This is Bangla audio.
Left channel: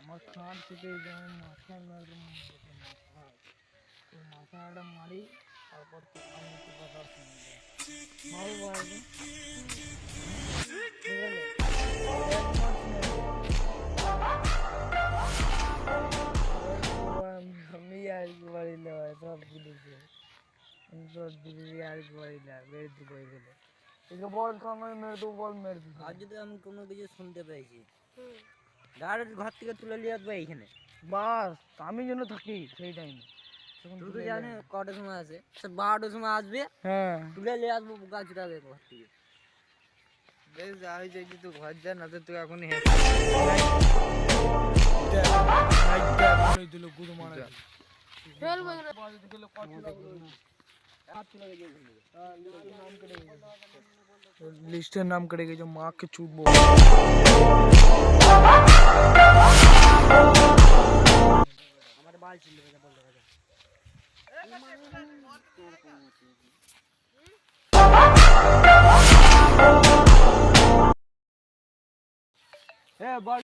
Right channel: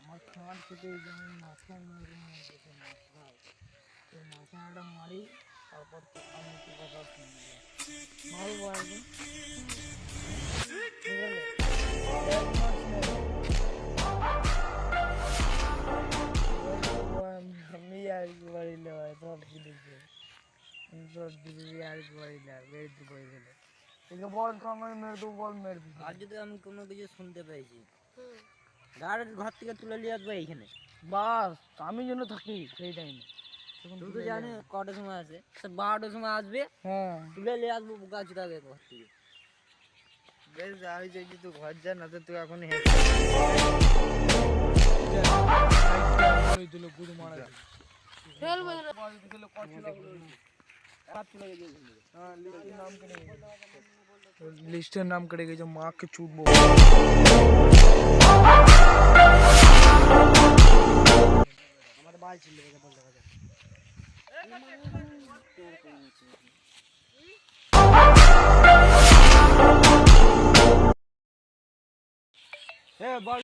আমার খাট থেকে যেমন মাথা মাথাটা মারি তারপর আমি কি কথা শুনবো মারবো আগে আমি আর বাড়িল সব বুঝেছে সব বুঝেছি আর বাড়িল মেরে দেবো গেলে একে বল তো আমার মেরে দেবো বল মেরে দেবো আর যদি আমি কোনো কিছু শুনতে পাইছি ডাইরেক্ট ঘর থেকে তুলে নিয়ে আসবে এইখানে বাস আমি যেন থাকি সেই টাইমে তুই তো জানি কটার সময় আছে 12টার সময় আসবে হ্যাঁ তুলে নিয়ে আসবো গাছ উঠাবে ঘর থেকে বেশ যাই যাই তুই ঘর যা না তো তুই এখন লিস্টের নাম কেটে গেছে মাকে ছুটবো আমার বাল ছিল বলতে কথা